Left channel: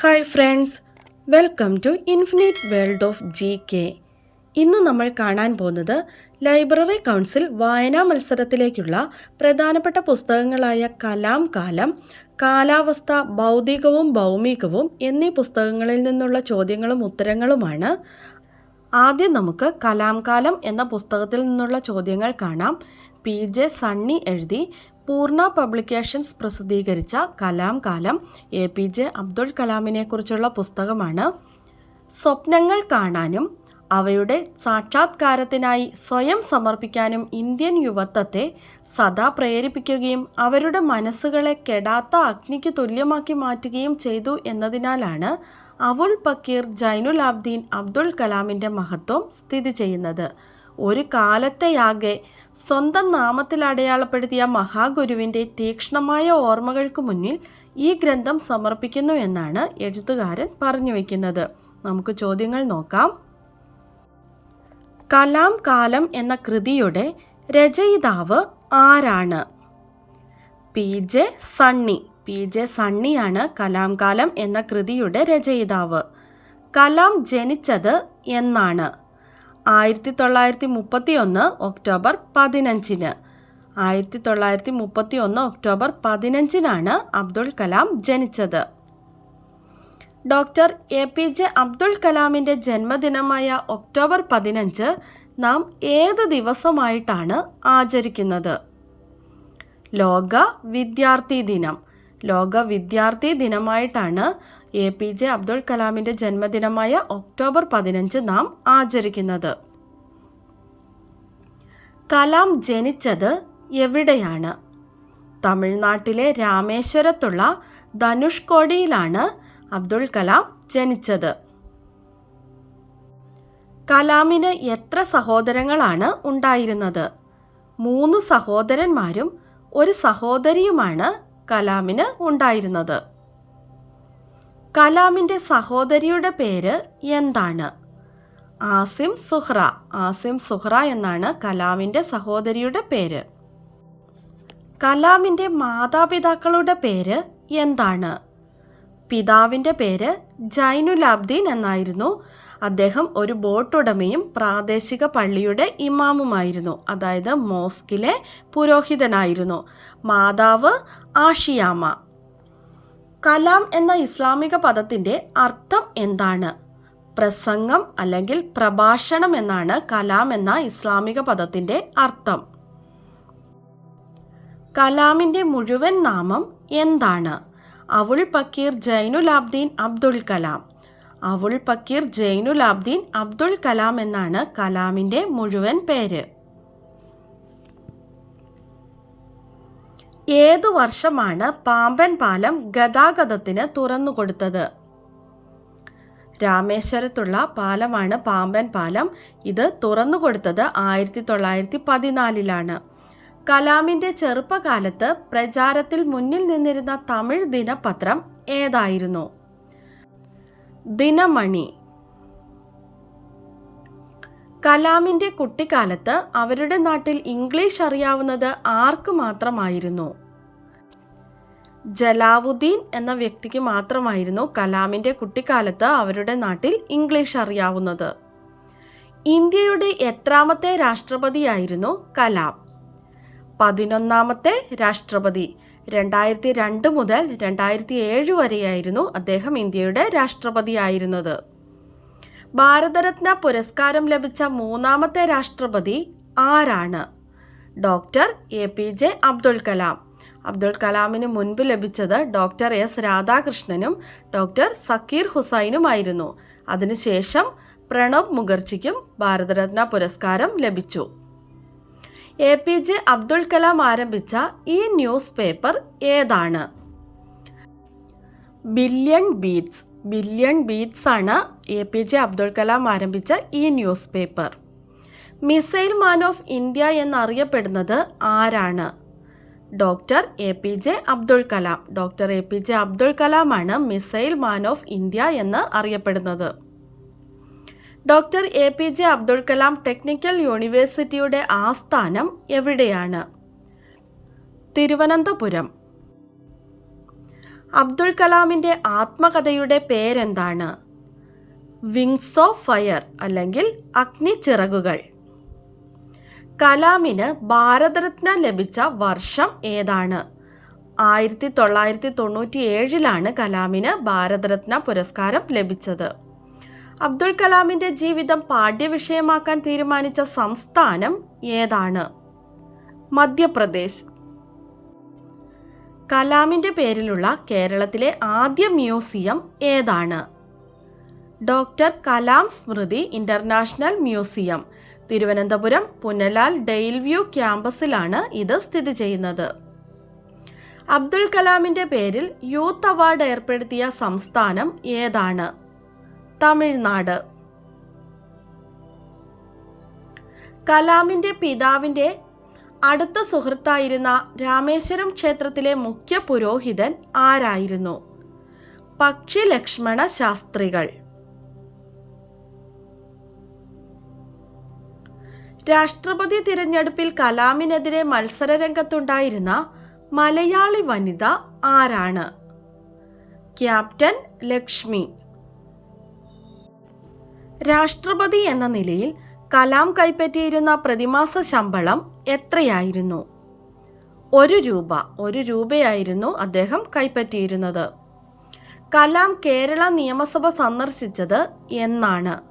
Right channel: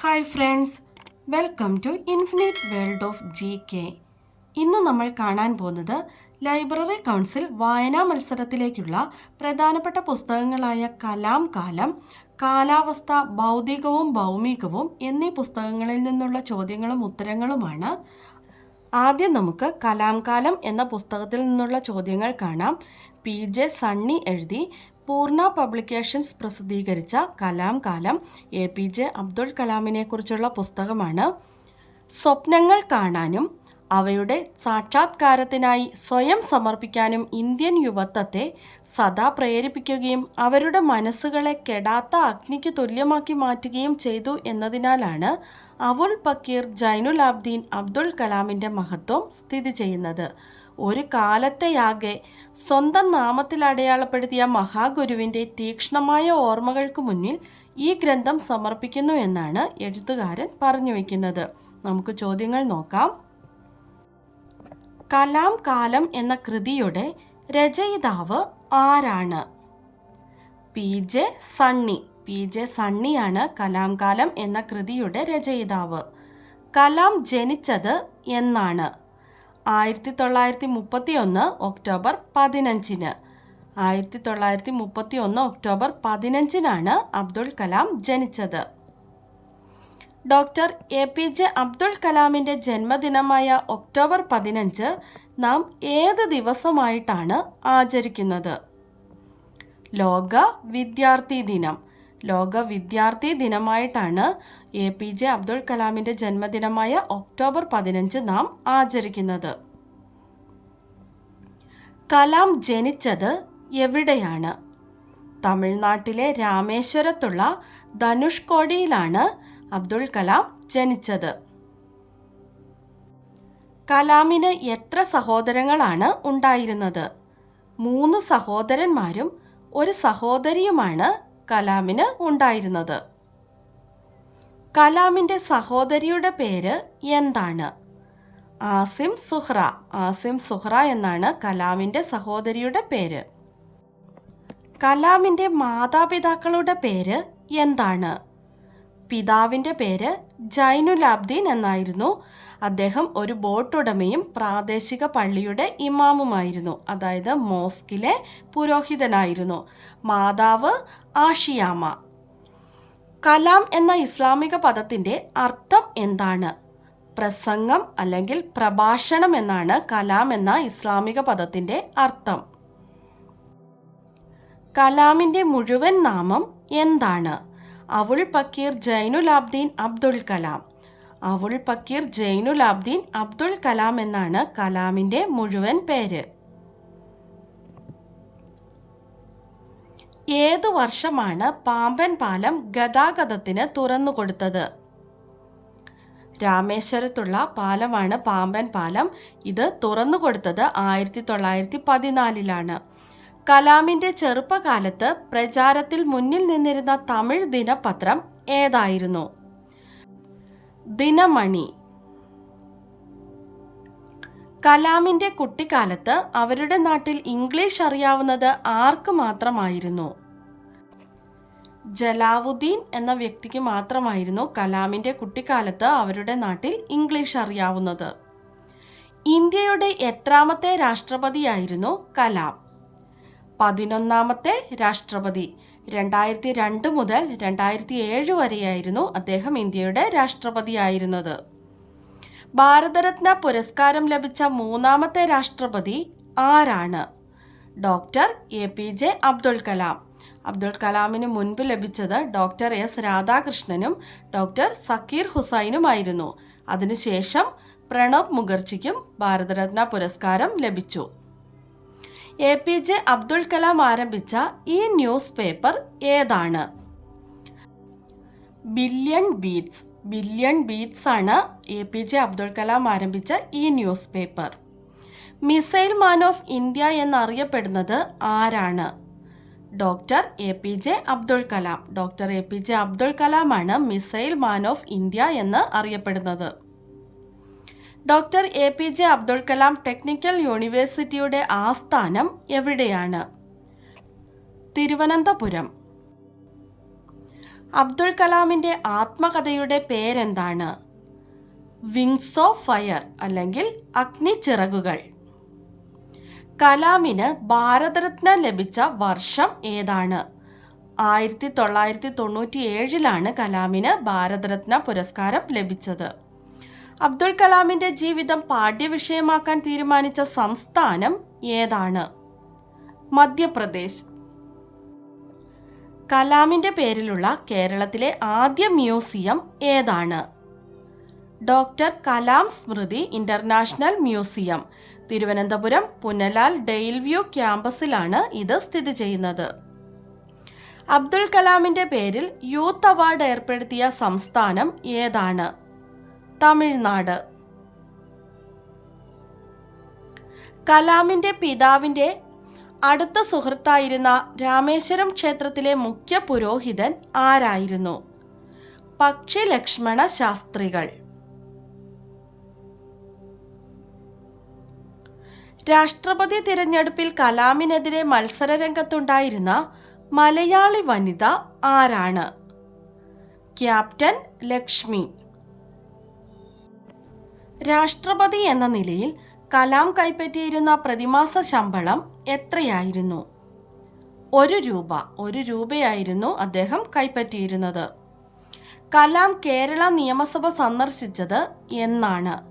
Hi friends welcome to infinite world of G K. ഇന്ന് നമ്മൾ കാണാൻ പോകുന്നത് ലൈബ്രറി കൗൺസിൽ വായനാ മത്സരത്തിലേക്കുള്ള പ്രധാനപ്പെട്ട പുസ്തകങ്ങളായ കലാം കാലം കാലാവസ്ഥ ഭൗതികവും ഭൗമികവും എന്നീ പുസ്തകങ്ങളിൽ നിന്നുള്ള ചോദ്യങ്ങളും ഉത്തരങ്ങളുമാണ്. ആദ്യം നമുക്ക് കലാം കാലം എന്ന പുസ്തകത്തിൽ നിന്നുള്ള ചോദ്യങ്ങൾ കാണാം. പി. ജെ. സണ്ണി എഴുതി പൂർണ പബ്ലിക്കേഷൻസ് പ്രസിദ്ധീകരിച്ച Kalam Kaalam A P J Abdul കലാമിനെക്കുറിച്ചുള്ള പുസ്തകമാണ്. സ്വപ്നങ്ങൾ കാണാനും അവയുടെ സാക്ഷാത്കാരത്തിനായി സ്വയം സമർപ്പിക്കാനും ഇന്ത്യൻ യുവത്വത്തെ സദാ പ്രേരിപ്പിക്കുകയും അവരുടെ മനസ്സുകളെ കെടാത്ത അഗ്നിക്ക് തുല്യമാക്കി മാറ്റുകയും ചെയ്തു എന്നതിനാലാണ് അവുൽ പക്കീർ ജൈനുൽ ആബ്ദീൻ അബ്ദുൽ കലാമിന്റെ മഹത്വം സ്ഥിതി ചെയ്യുന്നത്. ഒരു കാലത്തെയാകെ സ്വന്തം നാമത്തിൽ അടയാളപ്പെടുത്തിയ മഹാഗുരുവിന്റെ തീക്ഷ്ണമായ ഓർമ്മകൾക്ക് മുന്നിൽ ഈ ഗ്രന്ഥം സമർപ്പിക്കുന്നു എന്നാണ് എഴുത്തുകാരൻ പറഞ്ഞു വയ്ക്കുന്നത് നമുക്ക് ചോദ്യങ്ങൾ നോക്കാം. കലാം കാലം എന്ന കൃതിയുടെ രചയിതാവ് ആരാണ്? P. J. Sunny. P J സണ്ണിയാണ് Kalam Kaalam എന്ന കൃതിയുടെ രചയിതാവ്. കലാം ജനിച്ചത് എന്നാണ്. ആയിരത്തി തൊള്ളായിരത്തി മുപ്പത്തി ഒന്ന് ഒക്ടോബർ പതിനഞ്ചിന്. ആയിരത്തി തൊള്ളായിരത്തി മുപ്പത്തി ഒന്ന് ഒക്ടോബർ പതിനഞ്ചിനാണ് അബ്ദുൾ കലാം ജനിച്ചത്. Doctor A P J Abdul കലാമിന്റെ ജന്മദിനമായ ഒക്ടോബർ പതിനഞ്ച് നാം ഏത് ദിവസമായിട്ടാണ് ആചരിക്കുന്നത്? ലോക വിദ്യാർത്ഥി ദിനം. ലോക വിദ്യാർത്ഥി ദിനമായിട്ടാണ് എ പി ജെ അബ്ദുൾ കലാമിന്റെ ജന്മദിനമായ ഒക്ടോബർ പതിനഞ്ച് നാം ആചരിക്കുന്നത്. കലാം ജനിച്ചത് എവിടെയാണ്? തമിഴ്നാട്ടിലെ രാമേശ്വരത്തുള്ള ധനുഷ്കോടിയിലാണ് അബ്ദുൾ കലാം ജനിച്ചത്. കലാമിന് എത്ര സഹോദരങ്ങളാണ് ഉണ്ടായിരുന്നത്? മൂന്ന് സഹോദരന്മാരും ഒരു സഹോദരിയുമാണ് കലാമിന് ഉണ്ടായിരുന്നത്. കലാമിന്റെ സഹോദരിയുടെ പേര് എന്താണ്? ആസിം സുഹ്റ. ആസിം സുഹ്റ എന്നാണ് കലാമിന്റെ സഹോദരിയുടെ പേര്. കലാമിന്റെ മാതാപിതാക്കളുടെ പേര് എന്താണ്? പിതാവിന്റെ പേര് ജൈനുലാബ്ദീൻ എന്നായിരുന്നു. അദ്ദേഹം ഒരു ബോട്ടുടമയും പ്രാദേശിക പള്ളിയുടെ ഇമാമുമായിരുന്നു. അതായത് മോസ്കിലെ പുരോഹിതനായിരുന്നു. മാതാവ് ആഷിയാമ. കലാം എന്ന ഇസ്ലാമിക പദത്തിന്റെ അർത്ഥം എന്താണ്? പ്രസംഗം അല്ലെങ്കിൽ പ്രഭാഷണം എന്നാണ് കലാം എന്ന ഇസ്ലാമിക പദത്തിന്റെ അർത്ഥം. കലാമിന്റെ മുഴുവൻ നാമം എന്താണ്? അവുൾ പക്കീർ ജൈനുലാബ്ദീൻ അബ്ദുൽ കലാം. അവുൾ പക്കീർ ജൈനുൽ ആബ്ദീൻ അബ്ദുൾ കലാം എന്നാണ് കലാമിന്റെ മുഴുവൻ പേര്. ഏതു വർഷമാണ് പാമ്പൻ പാലം ഗതാഗതത്തിന് തുറന്നുകൊടുത്തത് രാമേശ്വരത്തുള്ള പാലമാണ് പാമ്പൻ പാലം. ഇത് തുറന്നുകൊടുത്തത് ആയിരത്തി തൊള്ളായിരത്തി പതിനാലിലാണ് കലാമിന്റെ ചെറുപ്പകാലത്ത് പ്രചാരത്തിൽ മുന്നിൽ നിന്നിരുന്ന തമിഴ് ദിനപത്രം ഏതായിരുന്നു? ദിനമണി. കലാമിന്റെ കുട്ടിക്കാലത്ത് അവരുടെ നാട്ടിൽ ഇംഗ്ലീഷ് അറിയാവുന്നത് ആർക്ക് മാത്രമായിരുന്നു? ജലാവുദ്ദീൻ എന്ന വ്യക്തിക്ക് മാത്രമായിരുന്നു കലാമിന്റെ കുട്ടിക്കാലത്ത് അവരുടെ നാട്ടിൽ ഇംഗ്ലീഷ് അറിയാവുന്നത്. ഇന്ത്യയുടെ എത്രാമത്തെ രാഷ്ട്രപതിയായിരുന്നു കലാം. പതിനൊന്നാമത്തെ രാഷ്ട്രപതി രണ്ടായിരത്തി രണ്ട് മുതൽ രണ്ടായിരത്തി ഏഴ് വരെയായിരുന്നു അദ്ദേഹം ഇന്ത്യയുടെ രാഷ്ട്രപതിയായിരുന്നത്. ഭാരതരത്ന പുരസ്കാരം ലഭിച്ച മൂന്നാമത്തെ രാഷ്ട്രപതി ആരാണ്? Doctor A P J Abdul Kalam. Abdul കലാമിന് മുൻപ് ലഭിച്ചത് ഡോക്ടർ എസ് രാധാകൃഷ്ണനും ഡോക്ടർ സക്കീർ ഹുസൈനുമായിരുന്നു. അതിനുശേഷം പ്രണബ് മുഖർജിക്കും ഭാരതരത്ന പുരസ്കാരം ലഭിച്ചു. A P J Abdul Kalam ആരംഭിച്ച ഈ ന്യൂസ് പേപ്പർ ഏതാണ്? ബില്യൺ ബീറ്റ്സ് ബില്യൺ ബീറ്റ്സ് ആണ് A P J Abdul Kalam ആരംഭിച്ച ഈ news paper. Missile man of India എന്നറിയപ്പെടുന്നത് ആരാണ്? Doctor A P J Abdul Kalam. Doctor A P J Abdul കലാമാണ് missile man of India എന്ന് അറിയപ്പെടുന്നത്. Doctor A P J Abdul Kalam technical യൂണിവേഴ്സിറ്റിയുടെ ആസ്ഥാനം എവിടെയാണ്? തിരുവനന്തപുരം. അബ്ദുൾ കലാമിന്റെ ആത്മകഥയുടെ പേരെന്താണ്? വിങ്സ് ഓഫ് ഫയർ അല്ലെങ്കിൽ അഗ്നിച്ചിറകുകൾ കലാമിന് ഭാരതരത്ന ലഭിച്ച വർഷം ഏതാണ്? ആയിരത്തി തൊള്ളായിരത്തി തൊണ്ണൂറ്റി ഏഴിലാണ് കലാമിന് ഭാരതരത്ന പുരസ്കാരം ലഭിച്ചത്. അബ്ദുൾ കലാമിന്റെ ജീവിതം പാഠ്യവിഷയമാക്കാൻ തീരുമാനിച്ച സംസ്ഥാനം ഏതാണ്? മധ്യപ്രദേശ്. കലാമിന്റെ പേരിലുള്ള കേരളത്തിലെ ആദ്യ മ്യൂസിയം ഏതാണ്? Doctor Kalam Smriti international museum. Thiruvananthapuram Punalal dale view ക്യാമ്പസിലാണ് ഇത് സ്ഥിതി ചെയ്യുന്നത്. അബ്ദുൾ കലാമിന്റെ പേരിൽ യൂത്ത് അവാർഡ് ഏർപ്പെടുത്തിയ സംസ്ഥാനം ഏതാണ്? തമിഴ്നാട്. കലാമിന്റെ പിതാവിന്റെ അടുത്ത സുഹൃത്തായിരുന്ന രാമേശ്വരം ക്ഷേത്രത്തിലെ മുഖ്യ പുരോഹിതൻ ആരായിരുന്നു? പക്ഷി ലക്ഷ്മണ ശാസ്ത്രികൾ. രാഷ്ട്രപതി തിരഞ്ഞെടുപ്പിൽ കലാമിനെതിരെ മത്സരരംഗത്തുണ്ടായിരുന്ന മലയാളി വനിത ആരാണ്? ക്യാപ്റ്റൻ ലക്ഷ്മി. രാഷ്ട്രപതി എന്ന നിലയിൽ കലാം കൈപ്പറ്റിയിരുന്ന പ്രതിമാസ ശമ്പളം എത്രയായിരുന്നു? ഒരു രൂപ ഒരു രൂപയായിരുന്നു അദ്ദേഹം കൈപ്പറ്റിയിരുന്നത്. കലാം കേരള നിയമസഭ സന്ദർശിച്ചത് എന്നാണ്.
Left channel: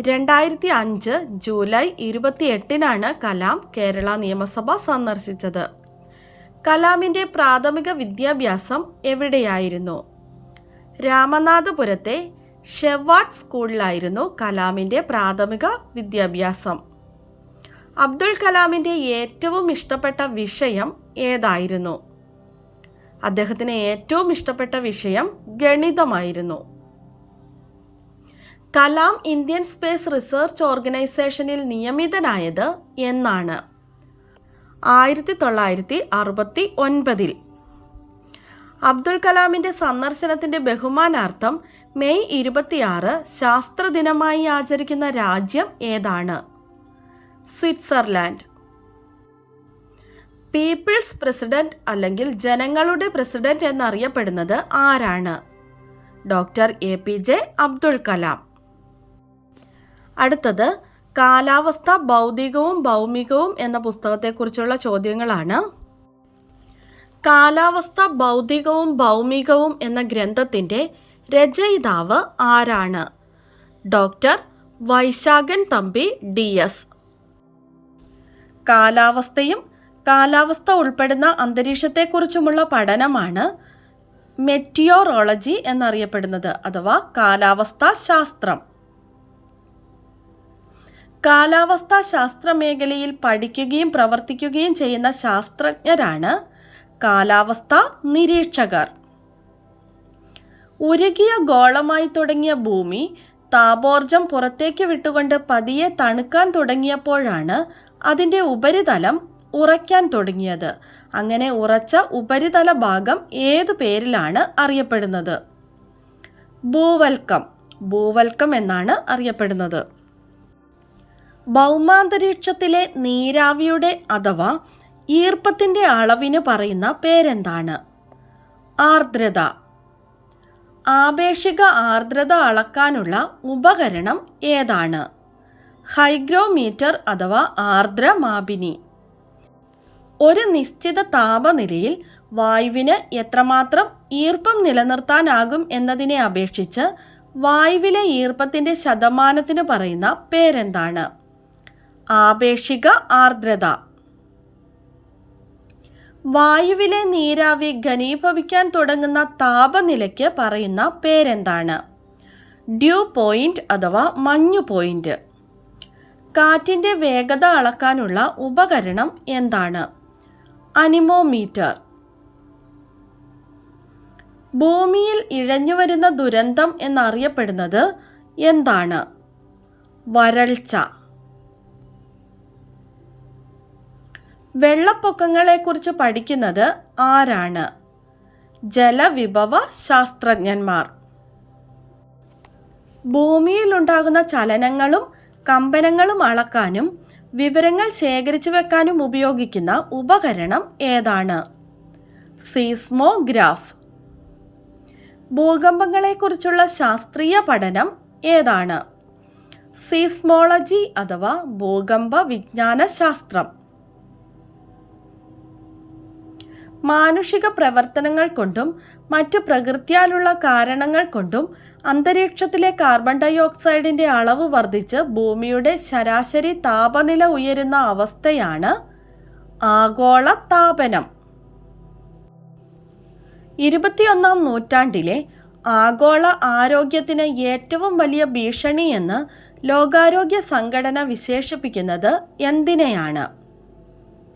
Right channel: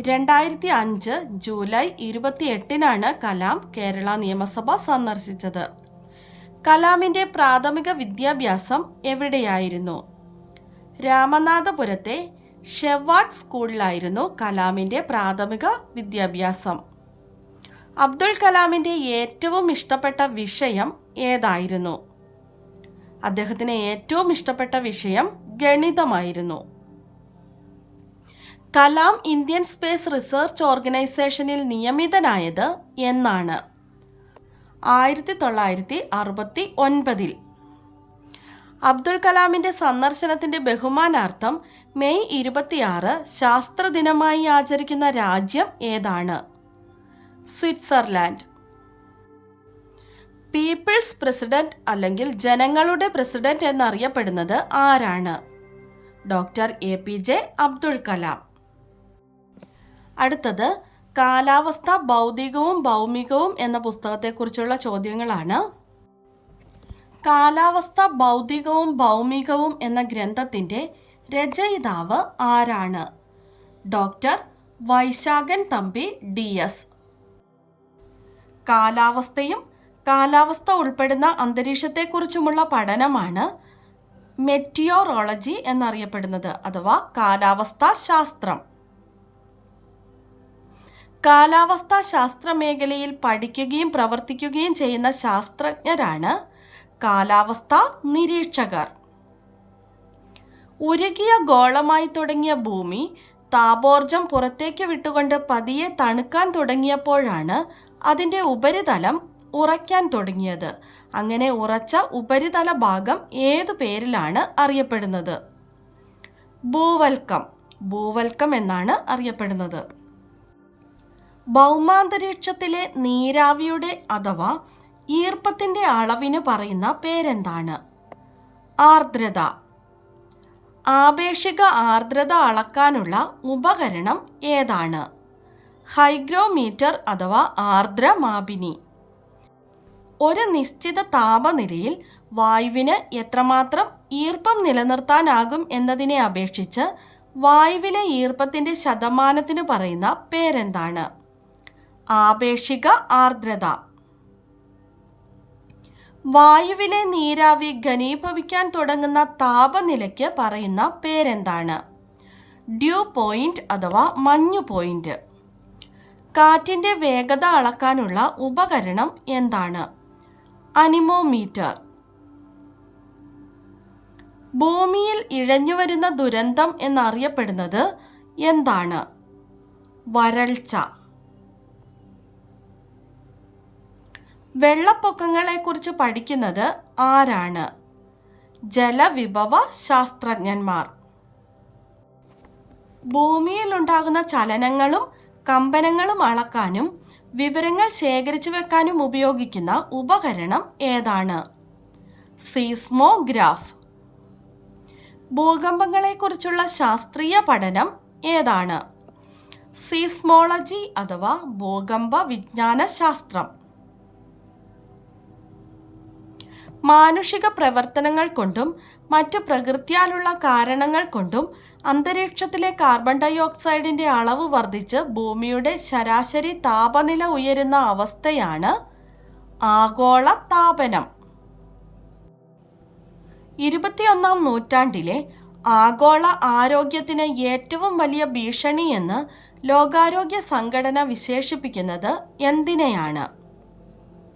രണ്ടായിരത്തി അഞ്ച് ജൂലൈ ഇരുപത്തിയെട്ടിനാണ് കലാം കേരള നിയമസഭ സന്ദർശിച്ചത്. കലാമിന്റെ പ്രാഥമിക വിദ്യാഭ്യാസം എവിടെയായിരുന്നു? രാമനാഥപുരത്തെ ഷെവാർഡ് സ്കൂളിലായിരുന്നു കലാമിന്റെ പ്രാഥമിക വിദ്യാഭ്യാസം. അബ്ദുൾ കലാമിന്റെ ഏറ്റവും ഇഷ്ടപ്പെട്ട വിഷയം ഏതായിരുന്നു? അദ്ദേഹത്തിന് ഏറ്റവും ഇഷ്ടപ്പെട്ട വിഷയം ഗണിതമായിരുന്നു. കലാം ഇന്ത്യൻ സ്പേസ് റിസർച്ച് ഓർഗനൈസേഷനിൽ നിയമിതനായത് എന്നാണ്. ആയിരത്തി തൊള്ളായിരത്തി അറുപത്തി ഒൻപതിൽ അബ്ദുൾ കലാമിന്റെ സന്ദർശനത്തിന്റെ ബഹുമാനാർത്ഥം മെയ് ഇരുപത്തിയാറ് ശാസ്ത്രദിനമായി ആചരിക്കുന്ന രാജ്യം ഏതാണ്? സ്വിറ്റ്സർലാൻഡ്. പീപ്പിൾസ് പ്രസിഡന്റ് അല്ലെങ്കിൽ ജനങ്ങളുടെ പ്രസിഡന്റ് എന്നറിയപ്പെടുന്നത് ആരാണ്? Doctor A P J Abdul Kalam. അടുത്തത് കാലാവസ്ഥ ഭൗതികവും ഭൗമികവും എന്ന പുസ്തകത്തെക്കുറിച്ചുള്ള ചോദ്യങ്ങളാണ്. കാലാവസ്ഥ ഭൗതികവും ഭൗമികവും എന്ന ഗ്രന്ഥത്തിന്റെ രചയിതാവ് ആരാണ്? Doctor Vaisakhan Thampi D S. കാലാവസ്ഥയും കാലാവസ്ഥ ഉൾപ്പെടുന്ന അന്തരീക്ഷത്തെക്കുറിച്ചുമുള്ള പഠനമാണ് മെറ്റിയോറോളജി എന്നറിയപ്പെടുന്നത് അഥവാ കാലാവസ്ഥാ ശാസ്ത്രം. കാലാവസ്ഥാ ശാസ്ത്ര മേഖലയിൽ പഠിക്കുകയും പ്രവർത്തിക്കുകയും ചെയ്യുന്ന ശാസ്ത്രജ്ഞരാണ് കാലാവസ്ഥാ നിരീക്ഷകർ. ഉരുകിയ ഗോളമായി തുടങ്ങിയ ഭൂമി താപോർജം പുറത്തേക്ക് വിട്ടുകൊണ്ട് പതിയെ തണുക്കാൻ തുടങ്ങിയപ്പോഴാണ് അതിന്റെ ഉപരിതലം ഉറയ്ക്കാൻ തുടങ്ങിയത്. അങ്ങനെ ഉറച്ച ഉപരിതല ഭാഗം ഏതു പേരിലാണ് അറിയപ്പെടുന്നത്? ഭൂവൽക്കം. ഭൂവൽക്കം എന്നാണ് അറിയപ്പെടുന്നത്. ഭൗമാന്തരീക്ഷത്തിലെ നീരാവിയുടെ അഥവാ ഈർപ്പത്തിന്റെ അളവിന് പറയുന്ന പേരെന്താണ്? ആർദ്രത. ആപേക്ഷിക ആർദ്രത അളക്കാനുള്ള ഉപകരണം ഏതാണ്? ഹൈഗ്രോമീറ്റർ അഥവാ ആർദ്രമാപിനി. ഒരു നിശ്ചിത താപനിലയിൽ വായുവിന് എത്രമാത്രം ഈർപ്പം നിലനിർത്താനാകും എന്നതിനെ അപേക്ഷിച്ച് വായുവിലെ ഈർപ്പത്തിന്റെ ശതമാനത്തിന് പറയുന്ന പേരെന്താണ്? ആപേക്ഷിക ആർദ്രത. വായുവിലെ നീരാവി ഘനീഭവിക്കാൻ തുടങ്ങുന്ന താപനിലയ്ക്ക് പറയുന്ന പേരെന്താണ്? ഡ്യൂ പോയിന്റ് അഥവാ മഞ്ഞു പോയിന്റ്. കാറ്റിന്റെ വേഗത അളക്കാനുള്ള ഉപകരണം എന്താണ്? അനിമോമീറ്റർ. ഭൂമിയിൽ ഇഴഞ്ഞുവരുന്ന ദുരന്തം എന്നറിയപ്പെടുന്നത് എന്താണ്? വരൾച്ച. വെള്ളപ്പൊക്കങ്ങളെക്കുറിച്ച് പഠിക്കുന്നത് ആരാണ്? ജലവിഭവ ശാസ്ത്രജ്ഞന്മാർ. ഭൂമിയിലുണ്ടാകുന്ന ചലനങ്ങളും കമ്പനങ്ങളും അളക്കാനും വിവരങ്ങൾ ശേഖരിച്ചു വെക്കാനും ഉപയോഗിക്കുന്ന ഉപകരണം ഏതാണ്? സീസ്മോഗ്രാഫ്. ഭൂകമ്പങ്ങളെക്കുറിച്ചുള്ള ശാസ്ത്രീയ പഠനം ഏതാണ്? സീസ്മോളജി അഥവാ ഭൂകമ്പ വിജ്ഞാന ശാസ്ത്രം മാനുഷിക പ്രവർത്തനങ്ങൾ കൊണ്ടും മറ്റ് പ്രകൃത്യാലുള്ള കാരണങ്ങൾ കൊണ്ടും അന്തരീക്ഷത്തിലെ കാർബൺ ഡൈ ഓക്സൈഡിന്റെ അളവ് വർദ്ധിച്ച് ഭൂമിയുടെ ശരാശരി താപനില ഉയരുന്ന അവസ്ഥയാണ് ആഗോള താപനം. ഇരുപത്തിയൊന്നാം നൂറ്റാണ്ടിലെ ആഗോള ആരോഗ്യത്തിന് ഏറ്റവും വലിയ ഭീഷണിയെന്ന് ലോകാരോഗ്യ സംഘടന വിശേഷിപ്പിക്കുന്നത് എന്തിനെയാണ്?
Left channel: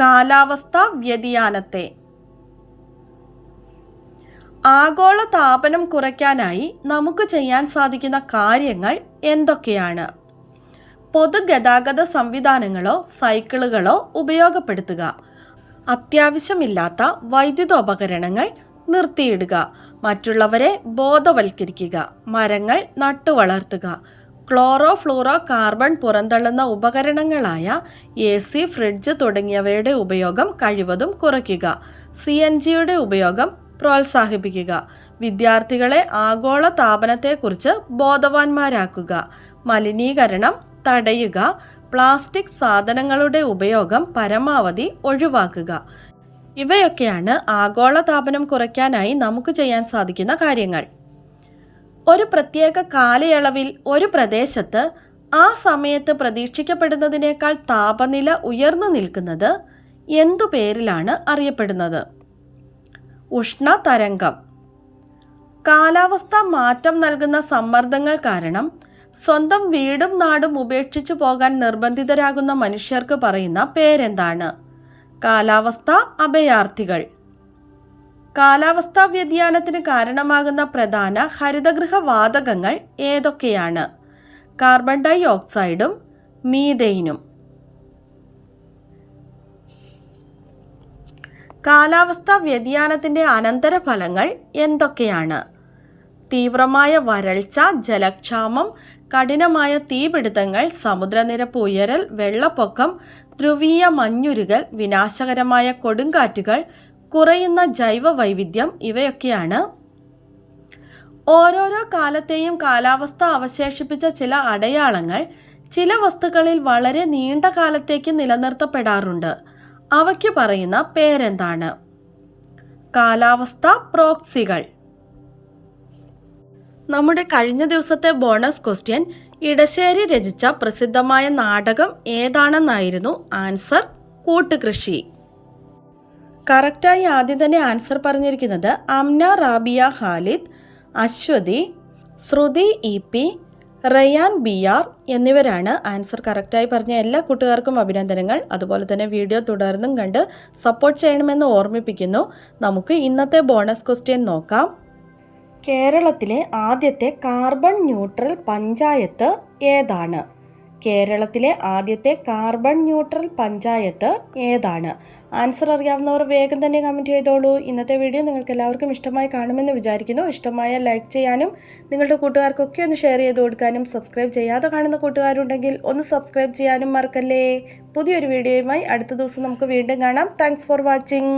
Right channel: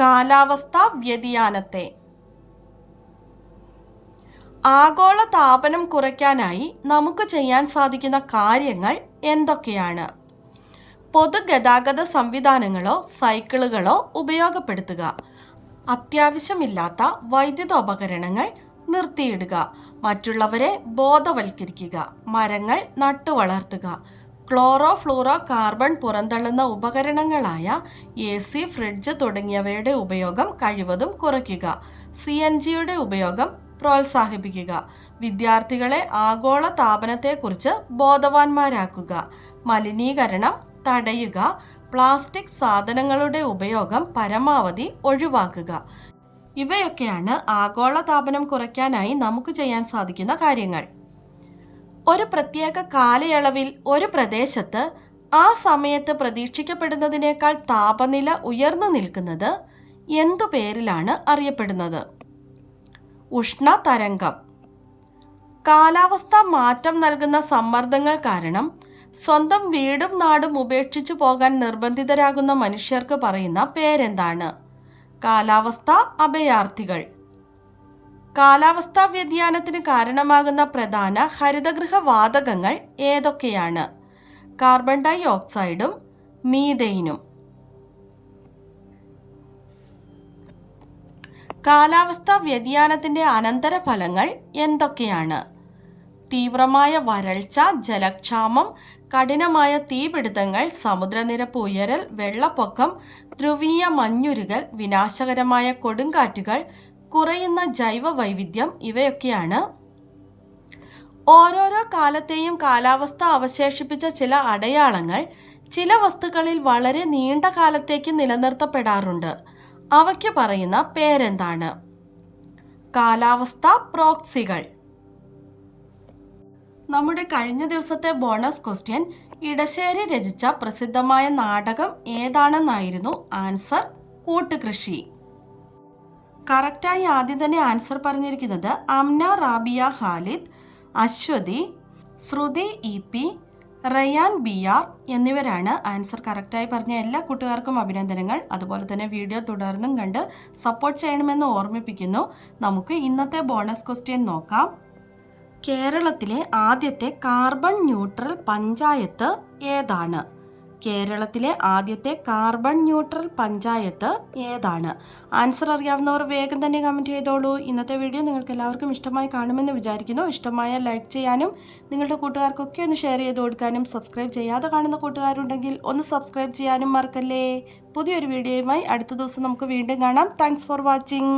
കാലാവസ്ഥാ വ്യതിയാനത്തെ. ആഗോള താപനം കുറയ്ക്കാനായി നമുക്ക് ചെയ്യാൻ സാധിക്കുന്ന കാര്യങ്ങൾ എന്തൊക്കെയാണ്? പൊതുഗതാഗത സംവിധാനങ്ങളോ സൈക്കിളുകളോ ഉപയോഗപ്പെടുത്തുക. അത്യാവശ്യമില്ലാത്ത വൈദ്യുതോപകരണങ്ങൾ നിർത്തിയിടുക. മറ്റുള്ളവരെ ബോധവൽക്കരിക്കുക. മരങ്ങൾ നട്ടുവളർത്തുക. ക്ലോറോ ഫ്ലൂറോ കാർബൺ പുറന്തള്ളുന്ന ഉപകരണങ്ങളായ എ സി ഫ്രിഡ്ജ് തുടങ്ങിയവയുടെ ഉപയോഗം കഴിവതും കുറയ്ക്കുക. സി എൻ ജിയുടെ ഉപയോഗം പ്രോത്സാഹിപ്പിക്കുക. വിദ്യാർത്ഥികളെ ആഗോള താപനത്തെക്കുറിച്ച് ബോധവാന്മാരാക്കുക. മലിനീകരണം തടയുക. പ്ലാസ്റ്റിക് സാധനങ്ങളുടെ ഉപയോഗം പരമാവധി ഒഴിവാക്കുക. ഇവയൊക്കെയാണ് ആഗോള താപനം കുറയ്ക്കാനായി നമുക്ക് ചെയ്യാൻ സാധിക്കുന്ന കാര്യങ്ങൾ. ഒരു പ്രത്യേക കാലയളവിൽ ഒരു പ്രദേശത്ത് ആ സമയത്ത് പ്രതീക്ഷിക്കപ്പെടുന്നതിനേക്കാൾ താപനില ഉയർന്നു നിൽക്കുന്നത് എന്തു പേരിലാണ് അറിയപ്പെടുന്നത്? ഉഷ്ണതരംഗം. കാലാവസ്ഥ മാറ്റം നൽകുന്ന സമ്മർദ്ദങ്ങൾ കാരണം സ്വന്തം വീടും നാടും ഉപേക്ഷിച്ചു പോകാൻ നിർബന്ധിതരാകുന്ന മനുഷ്യർക്ക് പറയുന്ന പേരെന്താണ്? കാലാവസ്ഥ അഭയാർത്ഥികൾ. കാലാവസ്ഥാ വ്യതിയാനത്തിന് കാരണമാകുന്ന പ്രധാന ഹരിതഗൃഹ വാതകങ്ങൾ ഏതൊക്കെയാണ്? കാർബൺ ഡൈ ഓക്സൈഡും മീതെയിനും കാലാവസ്ഥാ വ്യതിയാനത്തിന്റെ അനന്തരഫലങ്ങൾ എന്തൊക്കെയാണ്? തീവ്രമായ വരൾച്ച ജലക്ഷാമം കഠിനമായ തീപിടുത്തങ്ങൾ സമുദ്രനിരപ്പ് ഉയരൽ വെള്ളപ്പൊക്കം ധ്രുവീയ മഞ്ഞുരുകൽ വിനാശകരമായ കൊടുങ്കാറ്റുകൾ കുറയുന്ന ജൈവ വൈവിധ്യം ഇവയൊക്കെയാണ്. ഓരോരോ കാലത്തെയും കാലാവസ്ഥ അവശേഷിപ്പിച്ച ചില അടയാളങ്ങൾ ചില വസ്തുക്കളിൽ വളരെ നീണ്ട കാലത്തേക്ക് നിലനിർത്തപ്പെടാറുണ്ട്. അവയ്ക്ക് പറയുന്ന പേരെന്താണ്? കാലാവസ്ഥ പ്രോക്സികൾ. നമ്മുടെ കഴിഞ്ഞ ദിവസത്തെ ബോണസ് ക്വസ്റ്റ്യൻ ഇടശ്ശേരി രചിച്ച പ്രസിദ്ധമായ നാടകം ഏതാണെന്നായിരുന്നു ആൻസർ കൂട്ടുകൃഷി. കറക്റ്റായി ആദ്യം തന്നെ ആൻസർ പറഞ്ഞിരിക്കുന്നത് Amna Rabia Khalid Aswathy Shruthi E P Rayan B R എന്നിവരാണ് ആൻസർ കറക്റ്റായി പറഞ്ഞ എല്ലാ കൂട്ടുകാർക്കും അഭിനന്ദനങ്ങൾ. അതുപോലെ തന്നെ വീഡിയോ തുടർന്നും കണ്ട് സപ്പോർട്ട് ചെയ്യണമെന്ന് ഓർമ്മിപ്പിക്കുന്നു. നമുക്ക് ഇന്നത്തെ ബോണസ് ക്വസ്റ്റ്യൻ നോക്കാം. കേരളത്തിലെ ആദ്യത്തെ കാർബൺ ന്യൂട്രൽ പഞ്ചായത്ത് ഏതാണ്? കേരളത്തിലെ ആദ്യത്തെ കാർബൺ ന്യൂട്രൽ പഞ്ചായത്ത് ഏതാണ്? ആൻസർ അറിയാവുന്നവർ വേഗം തന്നെ കമന്റ് ചെയ്തോളൂ. ഇന്നത്തെ വീഡിയോ നിങ്ങൾക്ക് എല്ലാവർക്കും ഇഷ്ടമായി കാണുമെന്ന് വിചാരിക്കുന്നു. ഇഷ്ടമായ ലൈക്ക് ചെയ്യാനും നിങ്ങളുടെ കൂട്ടുകാർക്കൊക്കെ ഒന്ന് ഷെയർ ചെയ്ത് കൊടുക്കാനും സബ്സ്ക്രൈബ് ചെയ്യാതെ കാണുന്ന കൂട്ടുകാരുണ്ടെങ്കിൽ ഒന്ന് സബ്സ്ക്രൈബ് ചെയ്യാനും മറക്കല്ലേ. പുതിയൊരു വീഡിയോയുമായി അടുത്ത ദിവസം നമുക്ക് വീണ്ടും കാണാം. Thanks for watching